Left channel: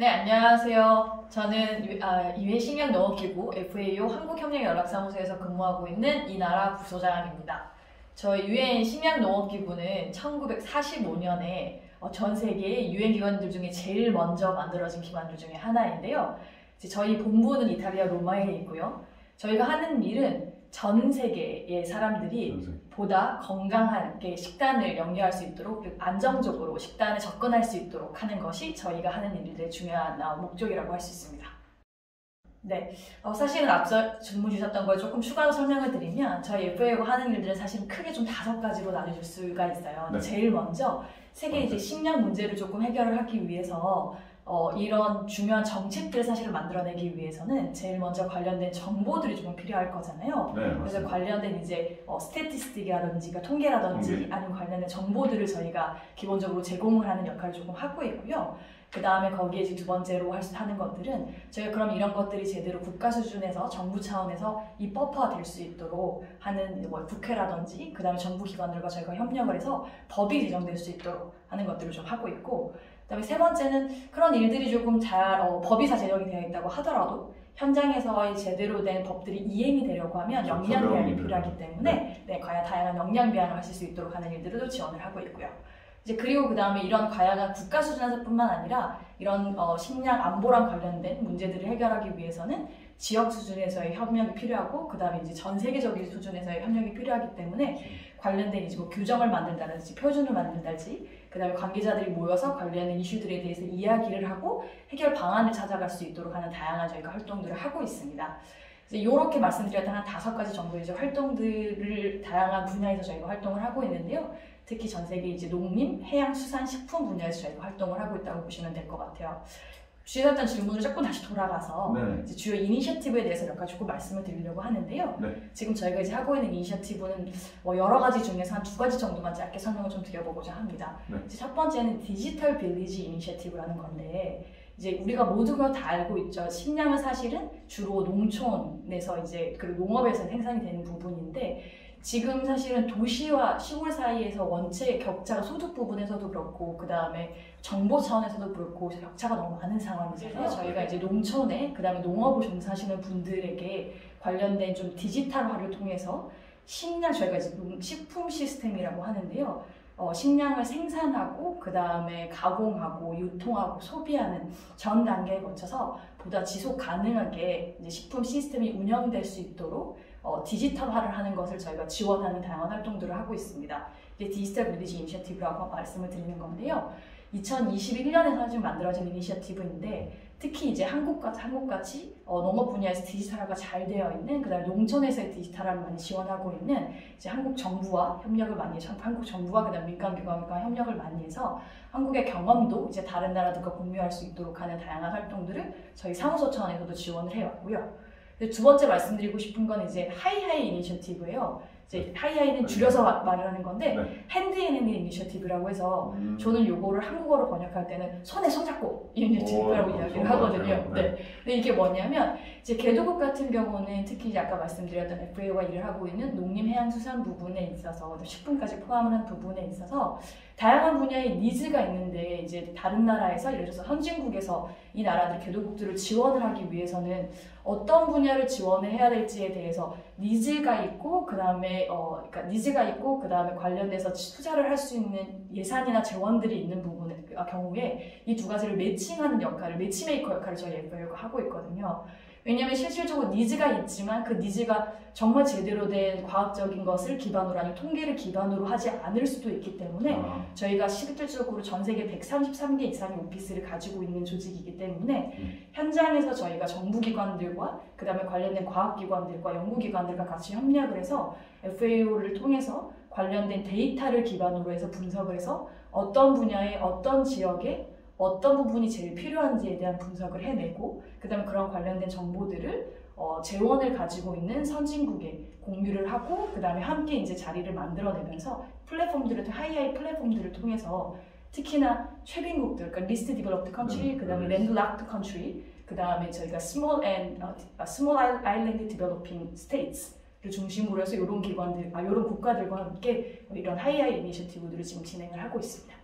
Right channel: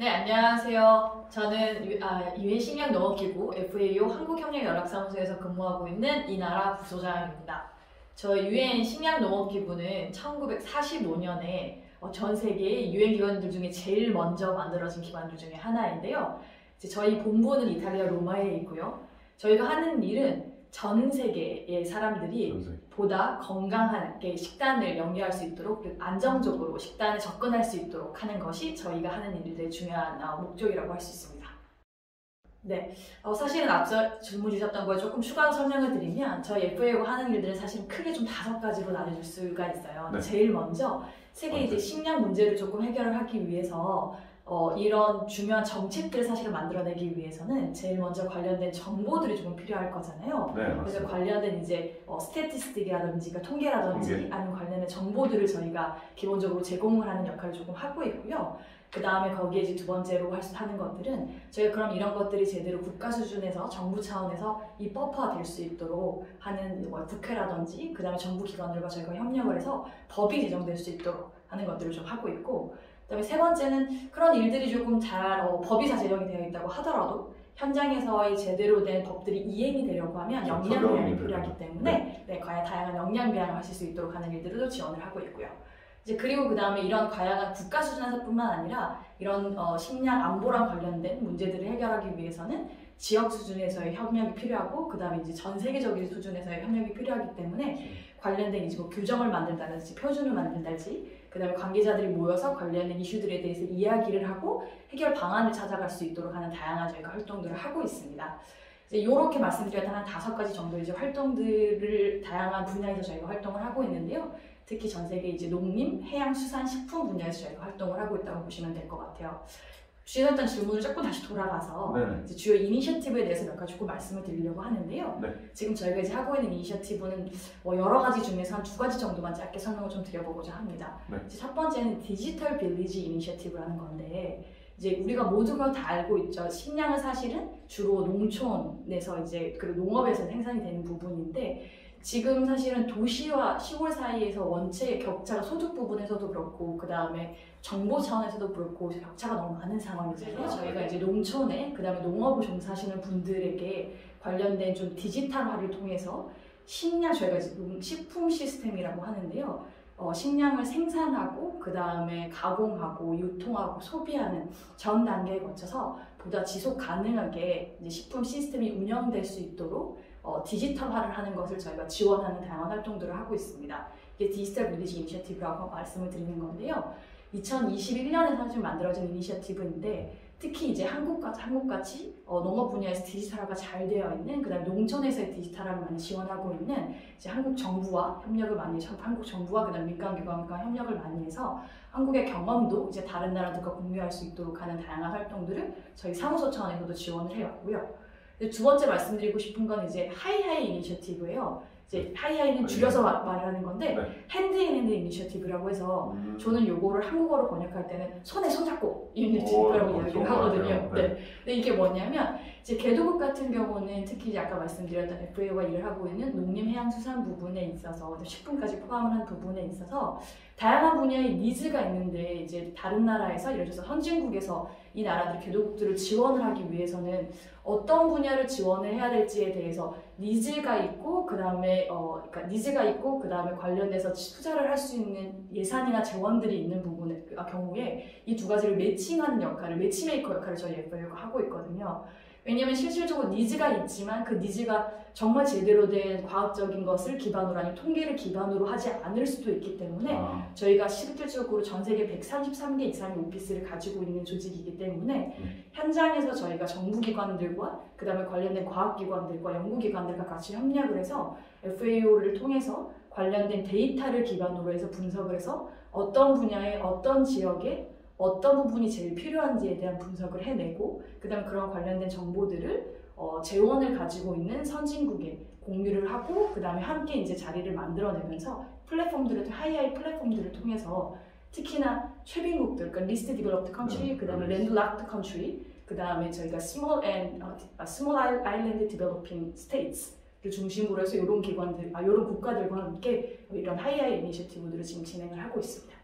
네, 안녕하세요. 저는 유엔 식량농업기구 FAO 한국협력연락사무소에서 근무하고 있는 이나라 부소장입니다. 저희 유엔 식량농업기구는 1945년에 전 세계의 유엔 기관들 중에 제일 먼저 만들어진 기관들 중에 하나인데요. 저희 본부는 이탈리아 로마에 있고요. 저희가 하는 일은 전 세계의 사람들이 보다 건강하게 식단을 영위할 수 있도록, 그리고 안정적으로 식단에 접근할 수 있도록 하는 것이 저희가 하는 일들의 중요한 목적이라고 할 수 있습니다. 네, 사실은 앞서 질문 주셨던 거에 조금 추가로 설명을 드리면 저희 FAO가 하는 일들은 사실 크게 좀 5가지로 나눠줄 수가 있어요. 네. 제일 먼저 세계 이제 식량 문제를 조금 해결을 하기 위해서 이런 중요한 정책들을 사실 만들어내기 위해서는 제일 먼저 관련된 정보들이 조금 필요할 거잖아요. 네, 그래서 관련된 이제 스태티스틱이라든지 통계라든지 아니면 관련된 정보들을 저희가 기본적으로 제공을 하는 역할을 조금 하고 있고요. 그 다음에 거기에 이제 두 번째로 하는 것들은 저희가 그럼 이런 것들이 제대로 국가 수준에서 정부 차원에서 이 버퍼가 될 수 있도록 하는 국회라든지 그 다음에 정부 기관들과 저희가 협력을 해서 법이 제정될 수 있도록 하는 것들을 좀 하고 있고, 그다음에 세 번째는 그런 일들이 조금 잘 법이 다 제정이 되어 있다고 하더라도 현장에서의 제대로 된 법들이 이행이 되려고 하면 역량 배양이 필요하기 때문에 과연 다양한 역량 배양을 하실 수 있도록 하는 일들도 지원을 하고 있고요. 이제 그리고 그 다음에 이런 다양한 국가 수준에서뿐만 아니라 이런 식량 안보랑 관련된 문제들을 해결하기 위해서는 지역 수준에서의 협력이 필요하고, 그 다음에 이제 전 세계적인 수준에서의 협력이 필요하기 때문에 관련된 이제 규정을 만든다든지 표준을 만든다든지 그 다음에 관계자들이 모여서 관련된 이슈들에 대해서 이야기를 하고 해결 방안을 찾아갈 수 있도록 하는 다양한 저희가 활동들을 하고 있습니다. 이제 이렇게 말씀드렸던 한 5가지 정도의 이제 활동들을 다양한 분야에서 저희가 활동을 하고 있는데요. 특히 전 세계 이제 농림, 해양, 수산, 식품 분야에서 저희가 활동을 하고 있다고 보시면 될 것 같아요. 주셨던 질문을 조금 다시 돌아가서 이제 주요 이니셔티브에 대해서 몇 가지 조금 말씀을 드리려고 하는데요. 지금 저희가 이제 하고 있는 이니셔티브는 여러 가지 중에서 한 2가지 정도만 짧게 설명을 좀 드려보고자 합니다. 이제 첫 번째는 디지털 빌리지 이니셔티브라는 건데, 이제 우리가 모두가 다 알고 있죠. 식량은 사실은 주로 농촌에서 이제 그리고 농업에서 생산이 되는 부분인데, 지금 사실은 도시와 시골 사이에서 원체 격차가 소득 부분에서도 그렇고 그 다음에 정보 차원에서도 그렇고 격차가 너무 많은 상황이잖아요. 저희가 이제 농촌에 그 다음에 농업을 종사하시는 분들에게 관련된 좀 디지털화를 통해서 저희가 이제 식품 시스템이라고 하는데요. 식량을 생산하고 그 다음에 가공하고 유통하고 소비하는 전 단계에 거쳐서 보다 지속 가능하게 이제 식품 시스템이 운영될 수 있도록 디지털화를 하는 것을 저희가 지원하는 다양한 활동들을 하고 있습니다. 이게 디지털 빌리지 이니셔티브라고 말씀을 드리는 건데요. 2021년에 사실 만들어진 이니셔티브인데, 특히 이제 한국같이 농업 분야에서 디지털화가 잘 되어 있는, 그다음에 농촌에서의 디지털화를 많이 지원하고 있는 이제 한국 정부와 협력을 많이 해서 한국 정부와 그다음 민간기관과 협력을 많이 해서 한국의 경험도 이제 다른 나라들과 공유할 수 있도록 하는 다양한 활동들을 저희 사무소 차원에서도 지원을 해왔고요. 두 번째 말씀드리고 싶은 건 이제 하이하이 이니셔티브예요. 이제 하이하이는 줄여서 말하는 건데 핸드 인 핸드 이니셔티브라고 해서 저는 요거를 한국어로 번역할 때는 손에 손잡고 이니셔티브라고 이야기를 하거든요. 근데 이게 뭐냐면 이제 개도국 같은 경우는 특히 이제 아까 말씀드렸던 FAO가 일을 하고 있는 농림, 해양, 수산 부분에 있어서 식품까지 포함을 한 부분에 있어서 다양한 분야의 니즈가 있는데, 이제 다른 나라에서 예를 들어서 선진국에서 이 나라들 개도국들을 지원을 하기 위해서는 어떤 분야를 지원을 해야 될지에 대해서 니즈가 있고 그다음에 관련돼서 투자를 할 수 있는 예산이나 재원들이 있는 부분의 경우에 이 2가지를 매칭하는 역할을, 매치메이커 역할을 저희 FAO가 하고 있거든요. 왜냐하면 실질적으로 니즈가 있지만 그 니즈가 정말 제대로 된 과학적인 것을 기반으로 아니면 통계를 기반으로 하지 않을 수도 있기 때문에 저희가 실질적으로 전 세계 133개 이상의 오피스를 가지고 있는 조직이기 때문에 현장에서 저희가 정부기관들과 그 다음에 관련된 과학기관들과 연구기관들과 같이 협력을 해서 FAO를 통해서 관련된 데이터를 기반으로 해서 분석을 해서 어떤 분야의 어떤 지역에 어떤 부분이 제일 필요한지에 대한 분석을 해내고, 그 다음에 그런 관련된 정보들을 재원을 가지고 있는 선진국에 공유를 하고, 그 다음에 함께 이제 자리를 만들어내면서 하이하이 플랫폼들을 통해서 특히나 최빈국들, 그러니까 리스트 디벨롭드 컨트리, 그 다음에 랜드락드 컨트리, 그 다음에 저희가 스몰 아일랜드 디벨로핑 스테이츠를 중심으로 해서 이런 기관들, 이런 국가들과 함께 이런 하이하이 이니셔티브들을 지금 진행을 하고 있습니다.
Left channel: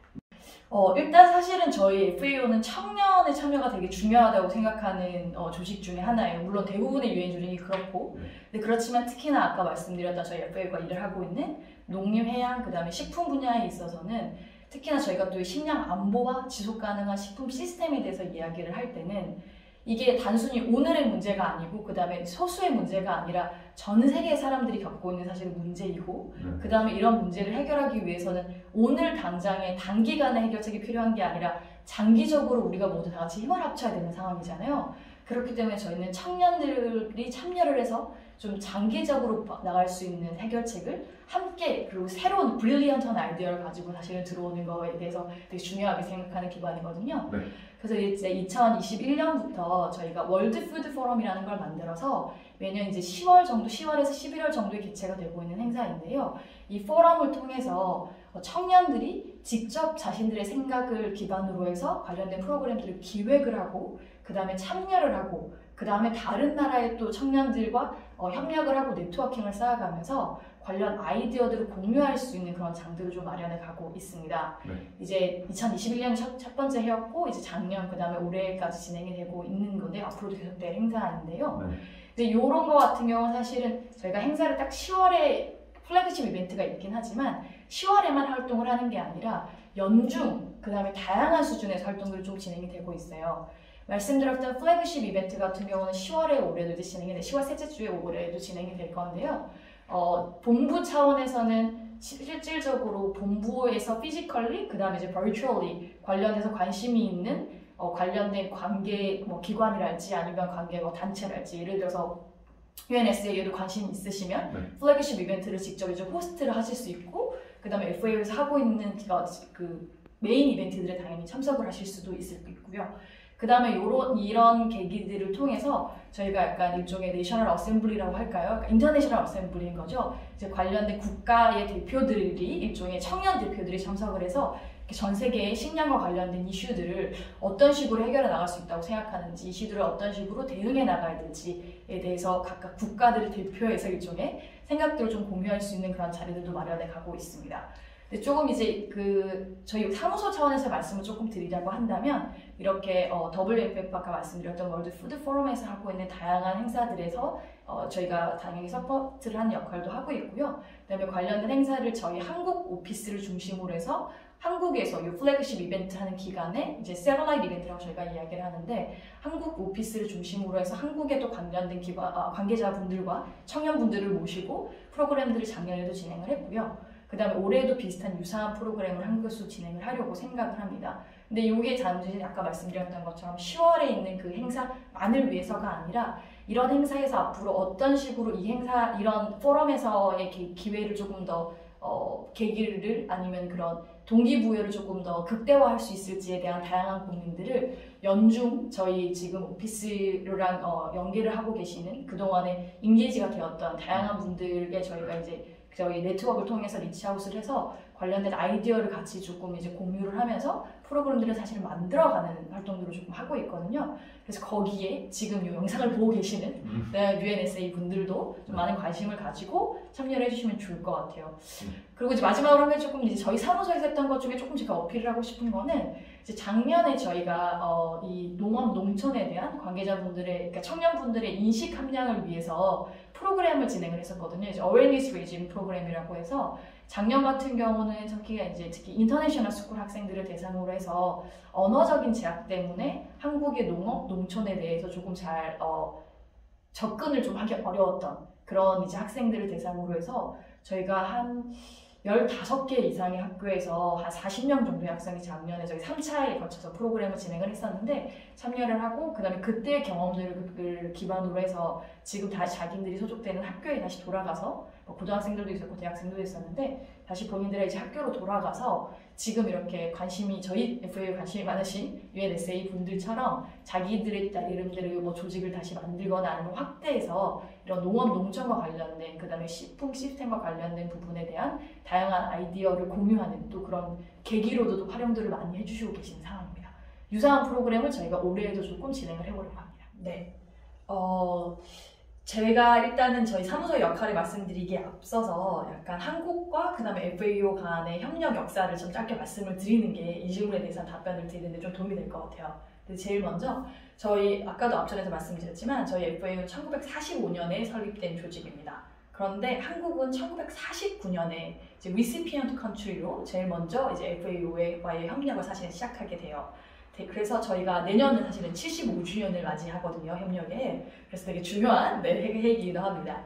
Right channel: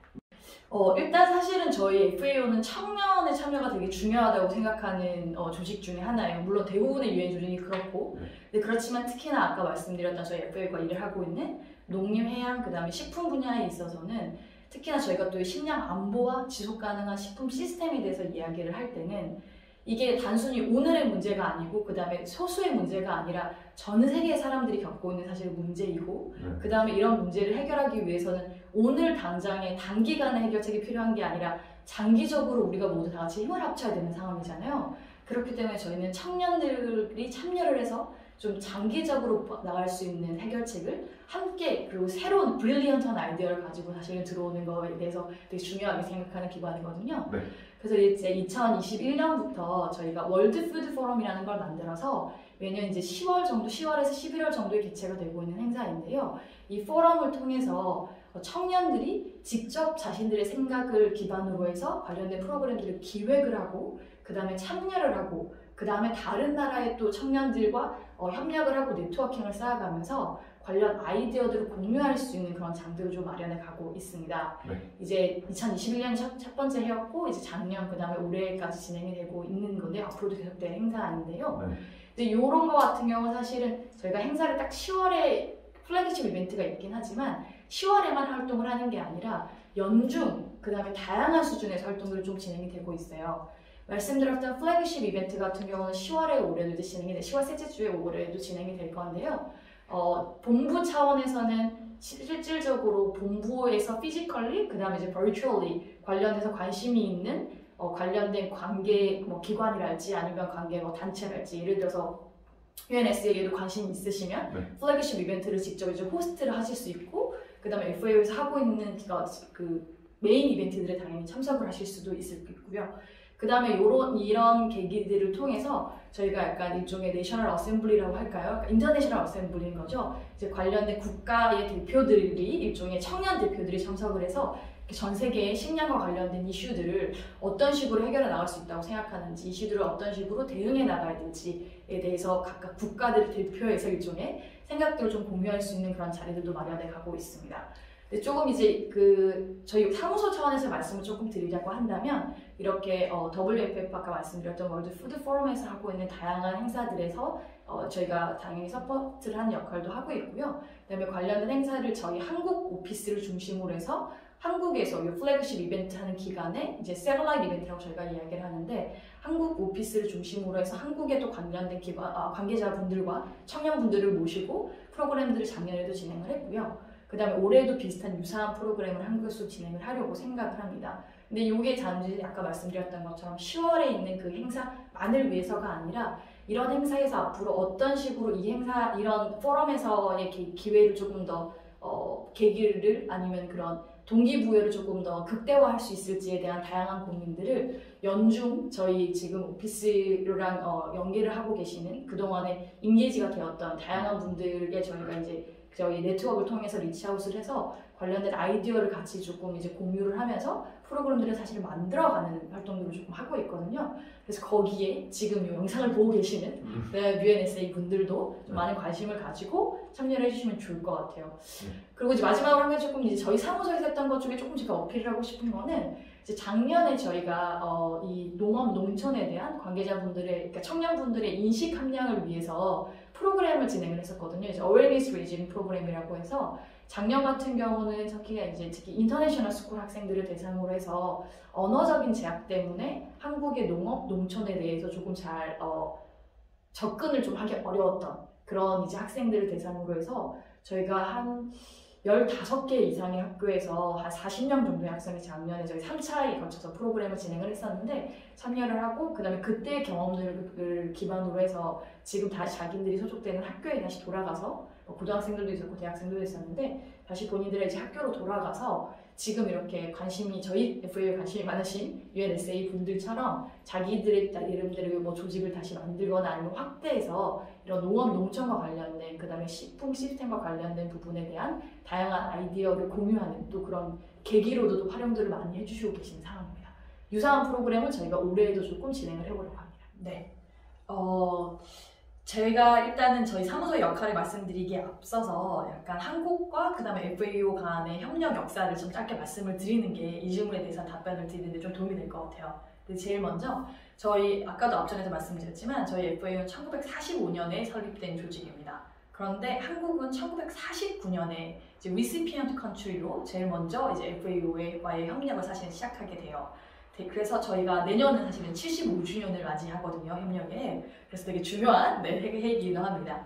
일단 사실은 저희 FAO는 청년의 참여가 되게 중요하다고 생각하는 조직 중에 하나예요. 물론 대부분의 유엔 조직이 그렇고, 근데 그렇지만 특히나 아까 말씀드렸던 저희 FAO가 일을 하고 있는 농림, 해양, 그 다음에 식품 분야에 있어서는 특히나 저희가 또 식량 안보와 지속 가능한 식품 시스템에 대해서 이야기를 할 때는 이게 단순히 오늘의 문제가 아니고 그 다음에 소수의 문제가 아니라 전 세계의 사람들이 겪고 있는 사실 문제이고 그 다음에 이런 문제를 해결하기 위해서는 오늘 당장의 단기간의 해결책이 필요한 게 아니라 장기적으로 우리가 모두 다 같이 힘을 합쳐야 되는 상황이잖아요. 그렇기 때문에 저희는 청년들이 참여를 해서 좀 장기적으로 나갈 수 있는 해결책을 함께 그리고 새로운 브릴리언트한 아이디어를 가지고 사실은 들어오는 거에 대해서 되게 중요하게 생각하는 기반이거든요. 네. 그래서 이제 2021년부터 저희가 월드 푸드 포럼이라는 걸 만들어서 매년 이제 10월 정도, 10월에서 11월 정도에 개최가 되고 있는 행사인데요. 이 포럼을 통해서 청년들이 직접 자신들의 생각을 기반으로 해서 관련된 프로그램들을 기획을 하고 그 다음에 참여를 하고 그 다음에 다른 나라의 또 청년들과 협력을 하고 네트워킹을 쌓아가면서 관련 아이디어들을 공유할 수 있는 그런 장들을 좀 마련해 가고 있습니다. 네. 이제 2021년이 첫 번째 해였고 이제 작년 그 다음에 올해까지 진행이 되고 있는 건데 앞으로도 계속될 행사인데요. 네. 근데 이런 거 같은 경우는 사실은 저희가 행사를 딱 10월에 플래그십 이벤트가 있긴 하지만 10월에만 활동을 하는 게 아니라 연중 그 다음에 다양한 수준에서 활동들이 좀 진행이 되고 있어요. 말씀드렸던 플래그십 이벤트 같은 경우는 10월에 올해도 이제 진행이 돼 10월 셋째 주에 올해도 진행이 될 건데요. 본부 차원에서는 실질적으로 본부에서 피지컬리 그 다음에 이제 버추얼리 관련해서 관심이 있는 관련된 관계 기관이랄지 아니면 관계 단체랄지 예를 들어서 UNSA에도 관심이 있으시면 네. 플래그십 이벤트를 직접 이제 호스트를 하실 수 있고 그 다음에 FAO에서 하고 있는 그 메인 이벤트들에 당연히 참석을 하실 수도 있고요. 그 다음에 이런 계기들을 통해서 저희가 약간 일종의 내셔널 어셈블리라고 할까요? 그러니까 인터내셔널 어셈블리인 거죠. 이제 관련된 국가의 대표들이 일종의 청년 대표들이 참석을 해서 전 세계의 식량과 관련된 이슈들을 어떤 식으로 해결해 나갈 수 있다고 생각하는지 이슈들을 어떤 식으로 대응해 나가야 될지에 대해서 각각 국가들을 대표해서 일종의 생각들을 좀 공유할 수 있는 그런 자리들도 마련해 가고 있습니다. 근데 조금 이제 저희 사무소 차원에서 말씀을 조금 드리자고 한다면 이렇게 WFF 아까 말씀드렸던 월드 푸드 포럼에서 하고 있는 다양한 행사들에서 저희가 당연히 서포트를 하는 역할도 하고 있고요. 그다음에 관련된 행사를 저희 한국 오피스를 중심으로 해서 한국에서 이 플래그십 이벤트 하는 기간에 이제 세럴라이트 이벤트라고 저희가 이야기를 하는데 한국 오피스를 중심으로 해서 한국에 또 관련된 관계자분들과 청년분들을 모시고 프로그램들을 작년에도 진행을 했고요. 그 다음에 올해도 비슷한 유사한 프로그램을 한국에서 진행을 하려고 생각을 합니다. 근데 이게 단지 아까 말씀드렸던 것처럼 10월에 있는 그 행사만을 위해서가 아니라 이런 행사에서 앞으로 어떤 식으로 이런 포럼에서의 기회를 조금 더 계기를 아니면 그런 동기부여를 조금 더 극대화할 수 있을지에 대한 다양한 고민들을 연중 저희 지금 오피스랑 연계를 하고 계시는 그동안에 인게이지가 되었던 다양한 분들께 저희가 이제 저희 네트워크를 통해서 리치아웃을 해서 관련된 아이디어를 같이 조금 이제 공유를 하면서 프로그램들을 사실 만들어가는 활동들을 조금 하고 있거든요. 그래서 거기에 지금 이 영상을 보고 계시는 UNSA 분들도 좀 많은 관심을 가지고 참여를 해주시면 좋을 것 같아요. 그리고 이제 마지막으로 한 가지 조금 이제 저희 사무소에서 했던 것 중에 조금 제가 어필을 하고 싶은 거는 이제 작년에 저희가 이 농업 농촌에 대한 관계자분들의 그러니까 청년분들의 인식 함량을 위해서 프로그램을 진행을 했었거든요. 이제 Awareness Raising 프로그램이라고 해서 작년 같은 경우는 특히 인터내셔널 스쿨 학생들을 대상으로 해서 언어적인 제약 때문에 한국의 농업, 농촌에 대해서 조금 잘 접근을 좀 하기 어려웠던 그런 이제 학생들을 대상으로 해서 저희가 한 15개 이상의 학교에서 한 40명 정도의 학생이 작년에 저희 3차에 거쳐서 프로그램을 진행을 했었는데 참여를 하고 그 다음에 그때의 경험들을 기반으로 해서 지금 다시 자기들이 소속되는 학교에 다시 돌아가서 고등학생들도 있었고 대학생들도 있었는데 다시 본인들의 이제 학교로 돌아가서 지금 이렇게 저희 FAO 관심이 많으신 UNSA 분들처럼 자기들의 이름대로 조직을 다시 만들거나 아니면 확대해서 이런 농업 농촌과 관련된 그 다음에 식품 시스템과 관련된 부분에 대한 다양한 아이디어를 공유하는 또 그런 계기로도 활용들을 많이 해주시고 계신 상황입니다. 유사한 프로그램을 저희가 올해에도 조금 진행을 해보려고 합니다. 네. 제가 일단은 저희 사무소의 역할을 말씀드리기에 앞서서 약간 한국과 그 다음에 FAO 간의 협력 역사를 좀 짧게 말씀을 드리는 게 이 질문에 대해서 답변을 드리는데 좀 도움이 될 것 같아요. 근데 제일 먼저 저희 아까도 앞전에서 말씀드렸지만 저희 FAO는 1945년에 설립된 조직입니다. 그런데 한국은 1949년에 이제 recipient country로 제일 먼저 이제 FAO와의 협력을 사실 시작하게 돼요. 그래서 저희가 내년은 사실은 75주년을 맞이하거든요, 협력에. 그래서 되게 중요한 해이기도 합니다.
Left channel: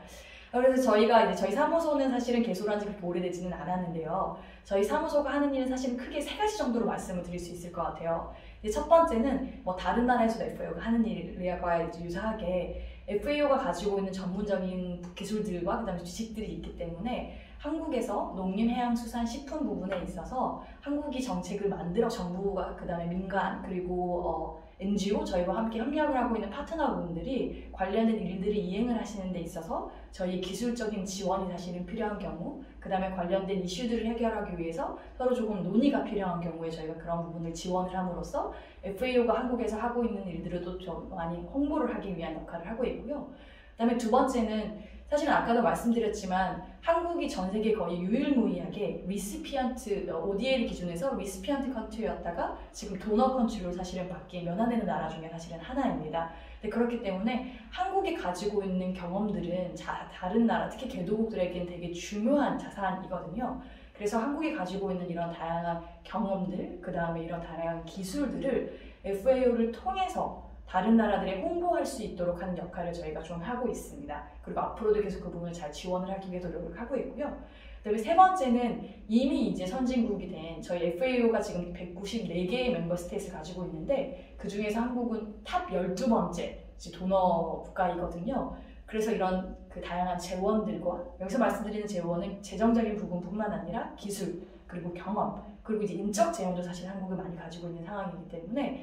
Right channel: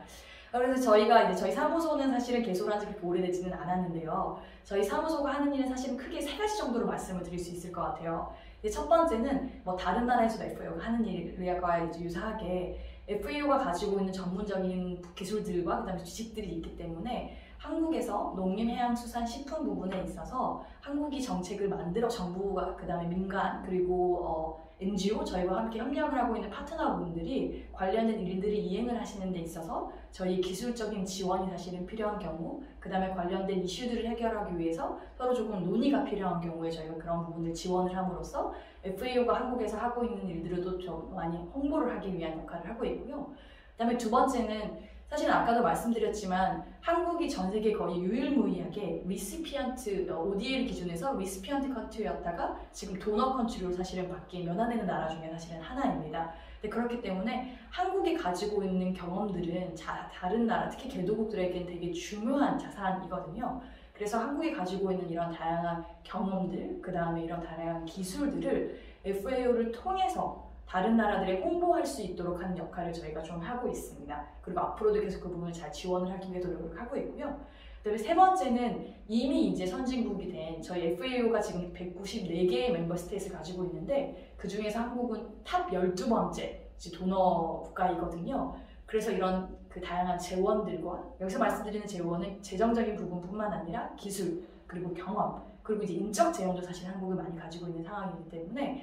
그래서 저희가 이제 저희 사무소는 사실은 개소를 한 지 그렇게 오래되지는 않았는데요. 저희 사무소가 하는 일은 사실은 크게 3가지 정도로 말씀을 드릴 수 있을 것 같아요. 이제 첫 번째는 뭐 다른 나라에서도 FAO가 하는 일과 이제 유사하게 FAO가 가지고 있는 전문적인 기술들과 그다음에 지식들이 있기 때문에 한국에서 농림, 해양, 수산, 식품 부분에 있어서 한국이 정책을 만들어 정부가 그다음에 민간 그리고 NGO 저희와 함께 협력을 하고 있는 파트너분들이 관련된 일들을 이행을 하시는 데 있어서 저희 기술적인 지원이 사실은 필요한 경우 그다음에 관련된 이슈들을 해결하기 위해서 서로 조금 논의가 필요한 경우에 저희가 그런 부분을 지원을 함으로써 FAO가 한국에서 하고 있는 일들도 좀 많이 홍보를 하기 위한 역할을 하고 있고요. 그다음에 두 번째는 사실은 아까도 말씀드렸지만 한국이 전 세계 거의 유일무이하게 리시피언트 ODA를 기준에서 리시피언트 컨트리였다가 지금 도너 컨트리로 사실은 바뀐 면화되는 나라 중에 사실은 하나입니다. 근데 그렇기 때문에 한국이 가지고 있는 경험들은 다른 나라 특히 개도국들에겐 되게 중요한 자산이거든요. 그래서 한국이 가지고 있는 이런 다양한 경험들 그 다음에 이런 다양한 기술들을 FAO를 통해서 다른 나라들에 홍보할 수 있도록 하는 역할을 저희가 좀 하고 있습니다. 그리고 앞으로도 계속 그 부분을 잘 지원을 하기 위해서 노력을 하고 있고요. 그다음에 세 번째는 이미 이제 선진국이 된 저희 FAO가 지금 194개의 멤버 스테이트를 가지고 있는데 그 중에서 한국은 탑 12번째 도너 국가이거든요. 그래서 이런 그 다양한 재원들과 여기서 말씀드리는 재원은 재정적인 부분뿐만 아니라 기술 그리고 경험 그리고 이제 인적 재원도 사실 한국을 많이 가지고 있는 상황이기 때문에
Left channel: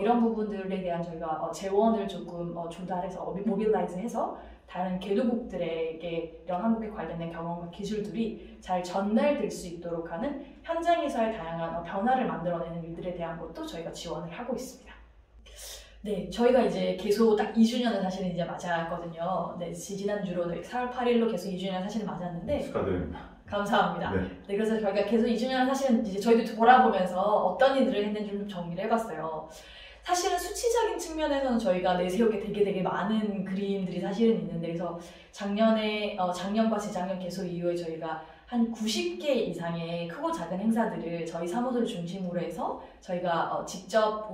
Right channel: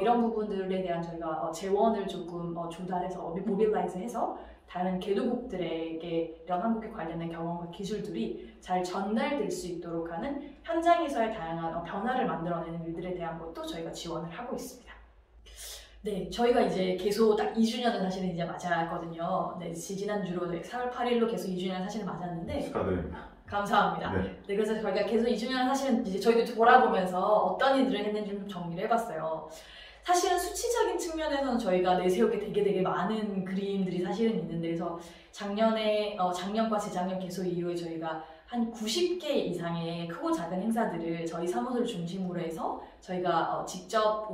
이런 부분들에 대한 저희가 재원을 조금 조달해서 모빌라이즈해서 다른 개도국들에게 이런 한국에 관련된 경험과 기술들이 잘 전달될 수 있도록 하는 현장에서의 다양한 변화를 만들어내는 일들에 대한 것도 저희가 지원을 하고 있습니다. 네, 저희가 이제 개소 딱 2주년을 사실은 이제 맞았거든요. 네, 지난주로 4월 8일로 개소 2주년 사실은 맞았는데 축하드립니다. 감사합니다. 네. 네, 그래서 저희가 개소 2주년을 사실은 이제 저희도 돌아보면서 어떤 일들을 했는지 좀 정리를 해봤어요. 사실은 수치적인 측면에서는 저희가 내세울 게 되게 많은 그림들이 사실은 있는데 그래서 작년과 재작년 개소 이후에 저희가 한 90개 이상의 크고 작은 행사들을 저희 사무소를 중심으로 해서 저희가 직접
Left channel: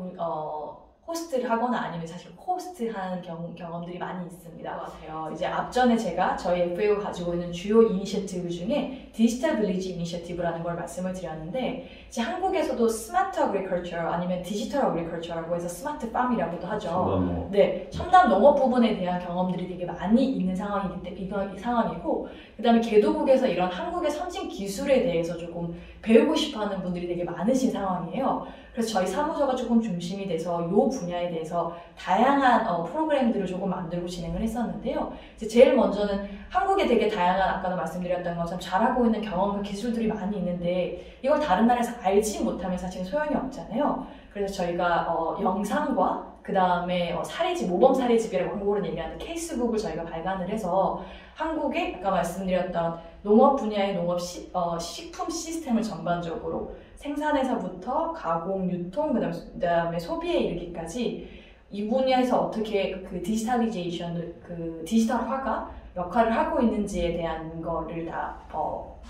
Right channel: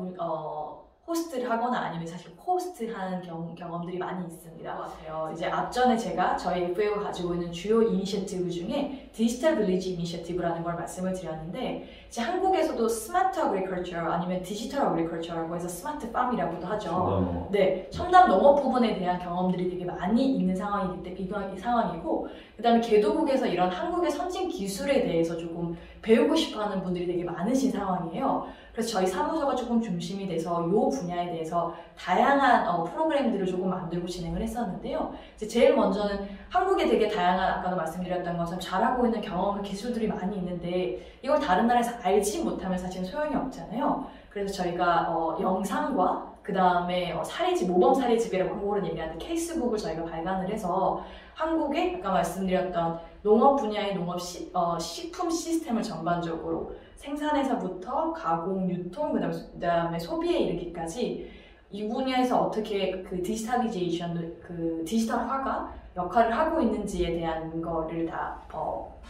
호스트를 하거나 아니면 사실 코호스트한 경험들이 많이 있습니다. 같아요. 이제 앞전에 제가 저희 FAO가 가지고 있는 주요 이니셔티브 중에 디지털 빌리지 이니셔티브라는 걸 말씀을 드렸는데 이제 한국에서도 스마트 어그리컬처 아니면 디지털 어그리컬처라고 해서 스마트 팜이라고도 하죠. 네, 첨단 농업 부분에 대한 경험들이 되게 많이 있는 상황이기 때문에 이 상황이고 그다음에 개도국에서 이런 한국의 선진 기술에 대해서 조금 배우고 싶어하는 분들이 되게 많으신 상황이에요. 그래서 저희 사무소가 조금 중심이 돼서 이 분야에 대해서 다양한 프로그램들을 조금 만들고 진행을 했었는데요. 이제 제일 먼저는 한국에 되게 다양한 아까도 말씀드렸던 것처럼 잘하고 있는 경험과 기술들이 많이 있는데 이걸 다른 나라에서 알지 못하면 사실 소용이 없잖아요. 그래서 저희가 영상과 그 다음에 모범 사례집이라고 한국어로 얘기하는 케이스북을 저희가 발간을 해서 한국의 아까 말씀드렸던 농업 분야의 식품 시스템을 전반적으로 생산에서부터 가공, 유통, 그다음에 소비에 이르기까지 이 분야에서 어떻게 그 디지털리제이션, 그 디지털화가 역할을 하고 있는지에 대한 거를 다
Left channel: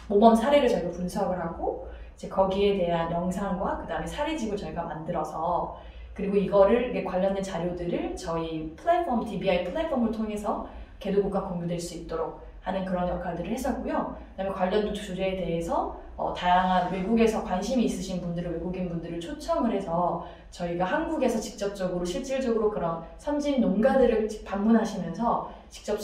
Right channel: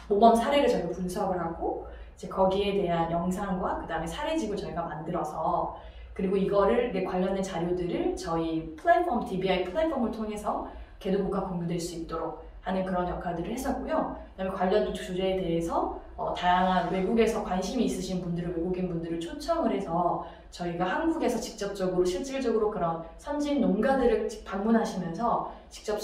모범 사례를 저희가 분석을 하고 이제 거기에 대한 영상과 그다음에 사례집을 저희가 만들어서 그리고 이거를 관련된 자료들을 저희 플랫폼, DBI 플랫폼을 통해서 개도국과 공유될 수 있도록 하는 그런 역할들을 했었고요. 그다음에 관련 주제에 대해서 다양한 외국에서 관심이 있으신 분들을 외국인 분들을 초청을 해서 저희가 한국에서 직접적으로 실질적으로 그런 선진 농가들을 방문하시면서 직접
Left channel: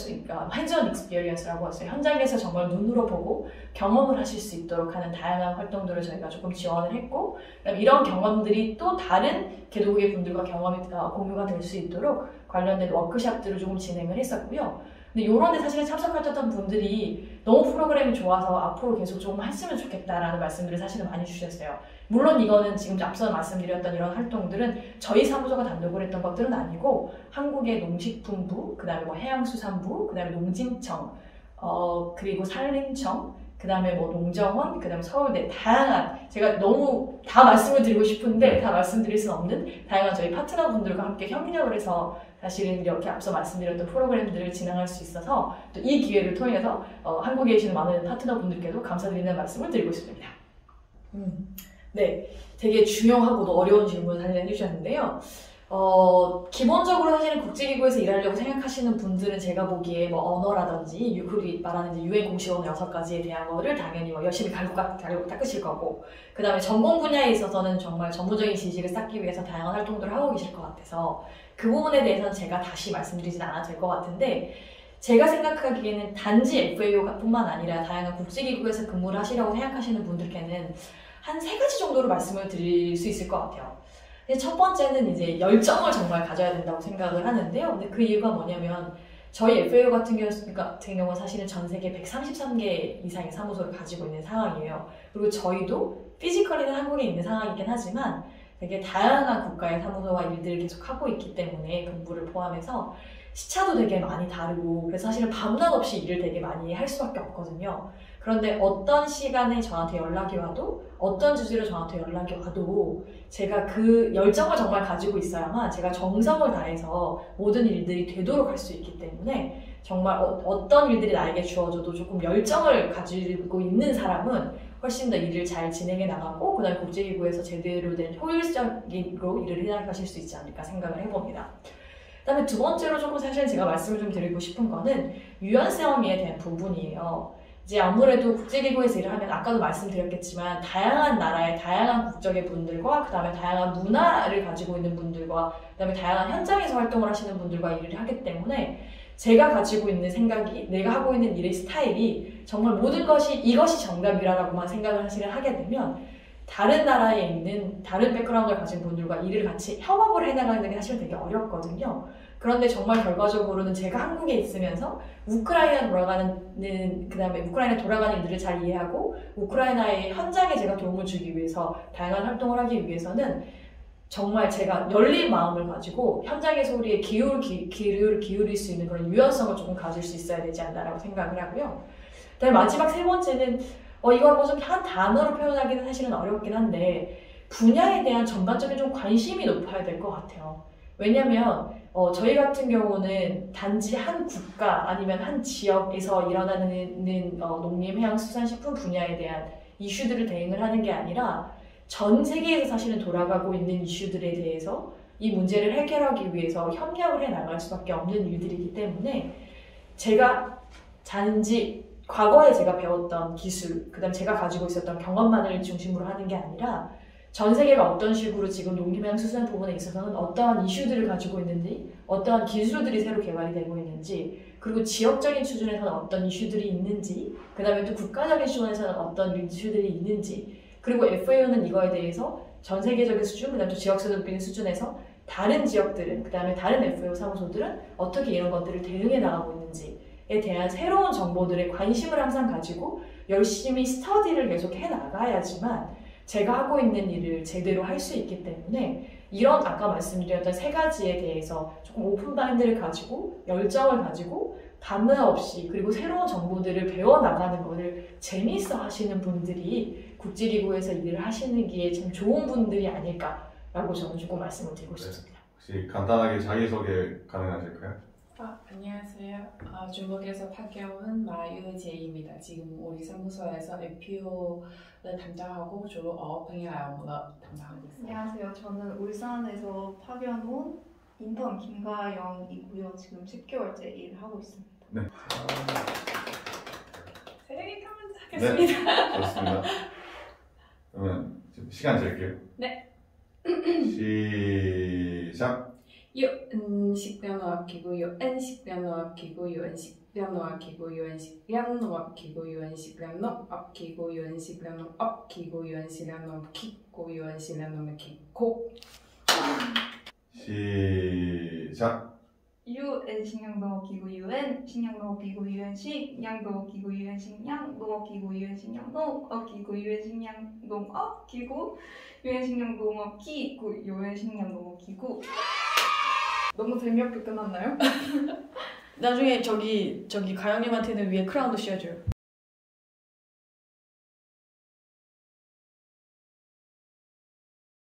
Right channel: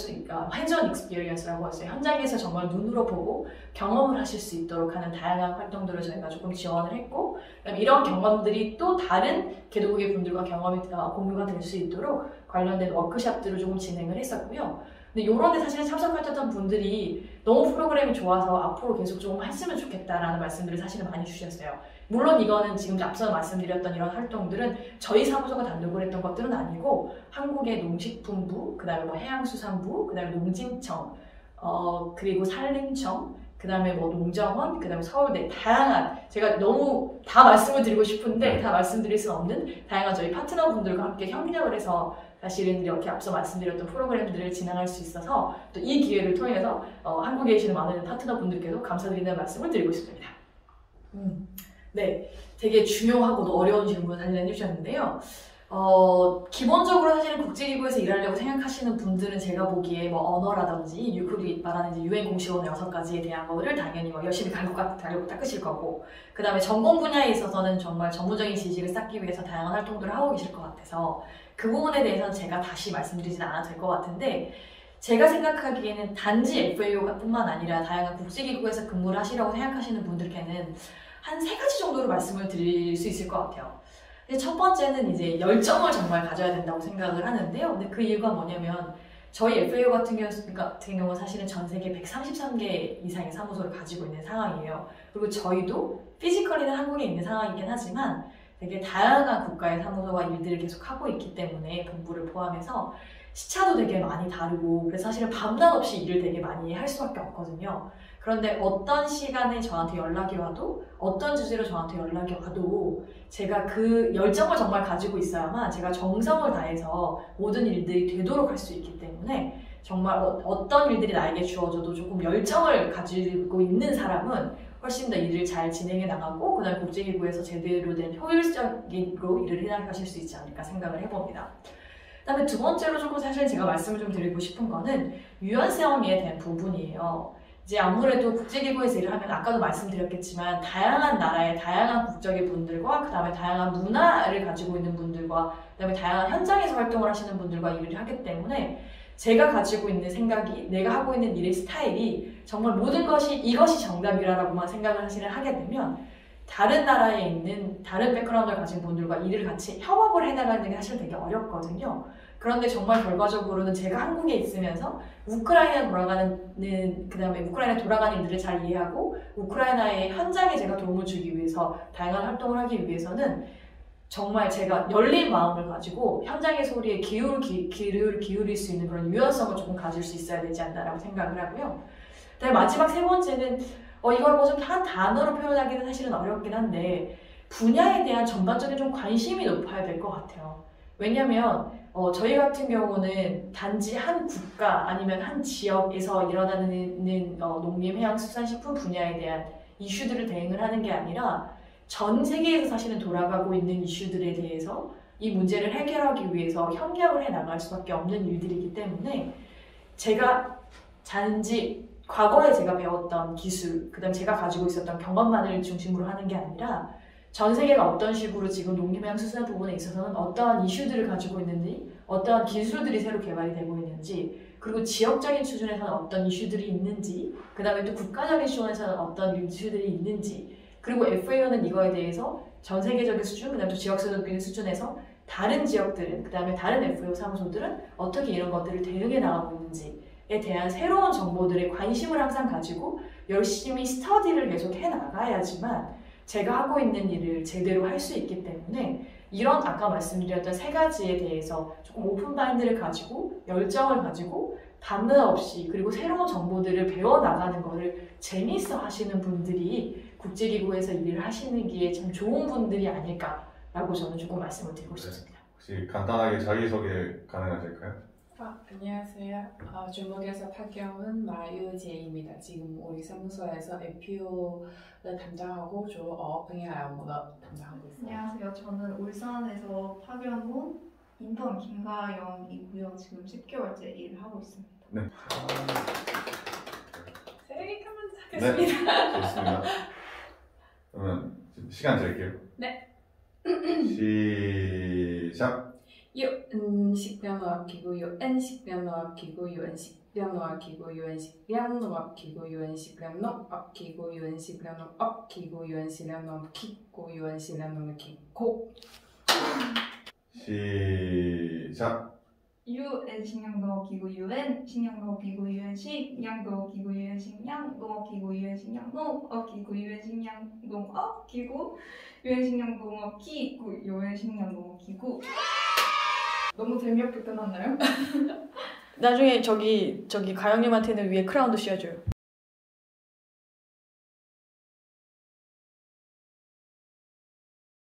핸즈온 익스피리언스라고 했어요. 현장에서 정말 눈으로 보고 경험을 하실 수 있도록 하는 다양한 활동들을 저희가 조금 지원을 했고 그다음에 이런 경험들이 또 다른 개도국의 분들과 경험이 공유가 될 수 있도록 관련된 워크숍들을 조금 진행을 했었고요. 근데 요런 데 사실은 참석하셨던 분들이 너무 프로그램이 좋아서 앞으로 계속 좀 했으면 좋겠다라는 말씀들을 사실은 많이 주셨어요. 물론 이거는 지금 앞서 말씀드렸던 이런 활동들은 저희 사무소가 단독으로 했던 것들은 아니고 한국의 농식품부, 그 다음에 뭐 해양수산부, 그 다음에 농진청, 그리고 산림청, 그 다음에 뭐 농정원, 그 다음에 서울대, 다양한, 제가 너무 다 말씀을 드리고 싶은데 다 말씀드릴 수는 없는 다양한 저희 파트너분들과 함께 협력을 해서 사실은 이렇게 앞서 말씀드렸던 프로그램들을 진행할 수 있어서 또 이 기회를 통해서 한국에 계시는 많은 파트너분들께도 감사드리는 말씀을 드리고 싶습니다. 네, 되게 중요하고도 어려운 질문을 사실 해주셨는데요. 기본적으로 사실은 국제기구에서 일하려고 생각하시는 분들은 제가 보기에 뭐 언어라든지 그리고 말하는 유엔 공식 언어 6가지에 대한 거를 당연히 뭐 열심히 갈고 닦으실 거고, 그 다음에 전공 분야에 있어서는 정말 전문적인 지식을 쌓기 위해서 다양한 활동들을 하고 계실 것 같아서 그 부분에 대해서는 제가 다시 말씀드리진 않아도 될 것 같은데, 제가 생각하기에는 단지 FAO뿐만 아니라 다양한 국제기구에서 근무를 하시려고 생각하시는 분들께는 한 3가지 정도로 말씀을 드릴 수 있을 것 같아요. 첫 번째는 이제 열정을 정말 가져야 된다고 생각을 하는데요. 근데 그 이유가 뭐냐면 저희 FAO 같은 경우는 사실은 전 세계 133개 이상의 사무소를 가지고 있는 상황이에요. 그리고 저희도 피지컬리는 한국에 있는 상황이긴 하지만 되게 다양한 국가의 사무소와 일들을 계속 하고 있기 때문에 본부를 포함해서 시차도 되게 많이 다르고, 그래서 사실은 밤낮 없이 일을 되게 많이 할 수밖에 없거든요. 그런데 어떤 시간에 저한테 연락이 와도, 어떤 주제로 저한테 연락이 와도 제가 그 열정을 정말 가지고 있어야만 제가 정성을 다해서 모든 일들이 되도록 할 수 있기 때문에 정말 어떤 일들이 나에게 주어져도 조금 열정을 가지고 있는 사람은 훨씬 더 일을 잘 진행해 나가고, 그 다음에 국제기구에서 제대로 된 효율적으로 일을 해나가실 수 있지 않을까 생각을 해봅니다. 그 다음에 두 번째로 조금 사실 제가 말씀을 좀 드리고 싶은 거는 유연성에 대한 부분이에요. 이제 아무래도 국제기구에서 일을 하면 아까도 말씀드렸겠지만 다양한 나라의 다양한 국적의 분들과 그 다음에 다양한 문화를 가지고 있는 분들과 그 다음에 다양한 현장에서 활동을 하시는 분들과 일을 하기 때문에 제가 가지고 있는 생각이, 내가 하고 있는 일의 스타일이 정말 모든 것이 이것이 정답이라고만 생각을 사실은 하게 되면 다른 나라에 있는 다른 백그라운드를 가진 분들과 일을 같이 협업을 해나가는 게 사실 되게 어렵거든요. 그런데 정말 결과적으로는 제가 한국에 있으면서 우크라이나 돌아가는, 그 다음에 우크라이나 돌아가는 일들을 잘 이해하고 우크라이나의 현장에 제가 도움을 주기 위해서 다양한 활동을 하기 위해서는 정말 제가 열린 마음을 가지고 현장의 소리에 귀를 기울일 수 있는 그런 유연성을 조금 가질 수 있어야 되지 않나라고 생각을 하고요. 그다음에 마지막 3번째는 이걸 뭐 좀 한 단어로 표현하기는 사실은 어렵긴 한데 분야에 대한 전반적인 좀 관심이 높아야 될 것 같아요. 왜냐면 저희 같은 경우는 단지 한 국가 아니면 한 지역에서 일어나는 농림, 해양, 수산식품 분야에 대한 이슈들을 대응을 하는 게 아니라 전 세계에서 사실은 돌아가고 있는 이슈들에 대해서 이 문제를 해결하기 위해서 협력을 해 나갈 수밖에 없는 일들이기 때문에 제가 단지 과거에 제가 배웠던 기술, 그 다음에 제가 가지고 있었던 경험만을 중심으로 하는 게 아니라 전 세계가 어떤 식으로 지금 농림해양수산 부분에 있어서는 어떠한 이슈들을 가지고 있는지, 어떠한 기술들이 새로 개발이 되고 있는지, 그리고 지역적인 수준에서는 어떤 이슈들이 있는지, 그 다음에 또 국가적인 수준에서는 어떤 이슈들이 있는지, 그리고 FAO는 이거에 대해서 전 세계적인 수준, 그 다음에 또 지역적인 수준에서 다른 지역들은, 그 다음에 다른 FAO 사무소들은 어떻게 이런 것들을 대응해 나가고 있는지에 대한 새로운 정보들에 관심을 항상 가지고 열심히 스터디를 계속 해 나가야지만 제가 하고 있는 일을 제대로 할 수 있기 때문에 이런 아까 말씀드렸던 3가지에 대해서 조금 오픈 마인드를 가지고 열정을 가지고 밤낮 없이 그리고 새로운 정보들을 배워나가는 것을 재미있어 하시는 분들이 국제기구에서 일을 하시는 게 참 좋은 분들이 아닐까라고 저는 조금 말씀을 드리고 싶습니다. 혹시 간단하게 자기소개 가능하실까요? 안녕하세요. 중국에서 파견 마유제입니다. 지금 우리 사무소에서 FAO를 담당하고 주로 어업행위 업무를 담당하고 있어요. 안녕하세요. 저는 울산에서 파견 온 인턴 김가영이고요. 지금 10개월째 일을 하고 있습니다. 네. 세게 하면 하겠습니다. 네, 좋습니다. 그러면 시간 잴게요. 네. 시작. 유엔식량농업기구, 유엔식량농업기구, 유엔식량농업기구, 유엔식량농업기구, 유엔식량농업기구, 유엔식량농업기구, 유엔식량농업기구, 유엔식량농업기구. 시작. UN 식량농업기구 UN 식량농업기구 UN 식량농업기구 UN 식량농업기구 UN 식량농업기구 UN 식량농업기구 UN 식량농업기구 UN 식량농업기구. 너무 재미없게 끝났나요? 나중에 저기 가영님한테는 위에 크라운도 씌워줘요.